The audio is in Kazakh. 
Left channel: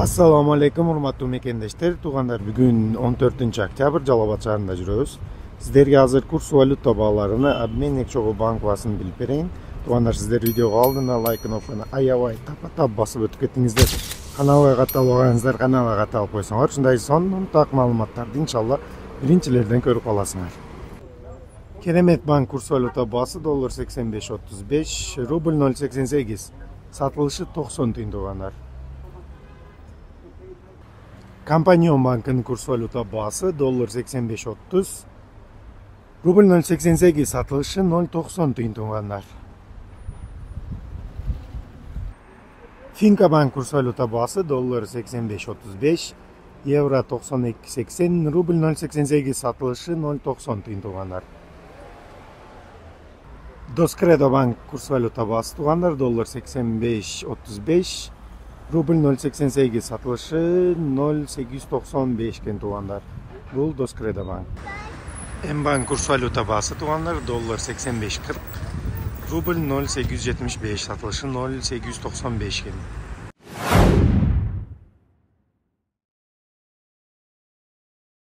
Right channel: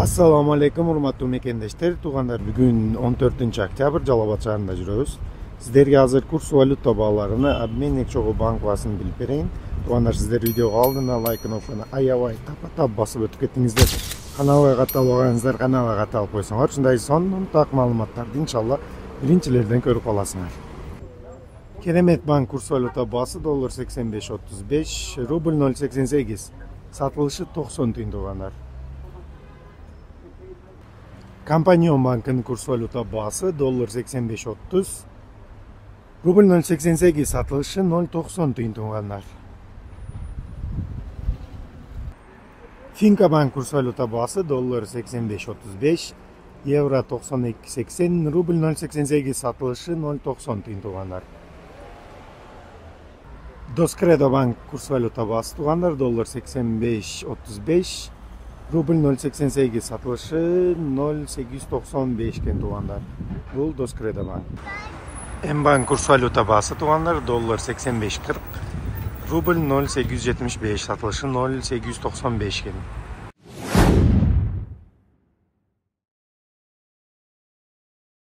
Assalamu alaikum, urmatlı mekendeshler. Tuğanlar, bugün 14 oktyabr Жалал-Абад шаарында жүрөбүз. Сиздерге азыр курс валюта бааларыны обменник чогуу банк баасын билип берейин. Туғандар, сиздер видеого алдына лайк кнопканы аябай тап басып өтүп кеттиңиздер. Каналга катталбагансыздар, каналга катталып койсоңор, ушундай сонун так маалыматтарды иншалла биринчилерден көрүп аласыңар. Керемет банк курс валюта баасы доллар 85.35, рубль 0.88, сатылышы 90 тиын туғандар. Компаньон банкın kurs valuta bası dollar 85.30, rubl 0.88, satılışı 0.90 tiyın tuğanlar. Finca bank kurs valuta bası dollar 85.35, euro 92.80, rubl 0.88, satılışı 0.90 tiyın tuğanlar. Doskredo bank kurs valuta bası tuğanlar dollar 85.35, Rubl 0.88, satılışı 0.895 iken tuğanlar. Бұл Doskredo bank. Mbank kurs valuta bası tuğanlar dollar 85.40, rubl 0.875, satılışı 0.895 iken.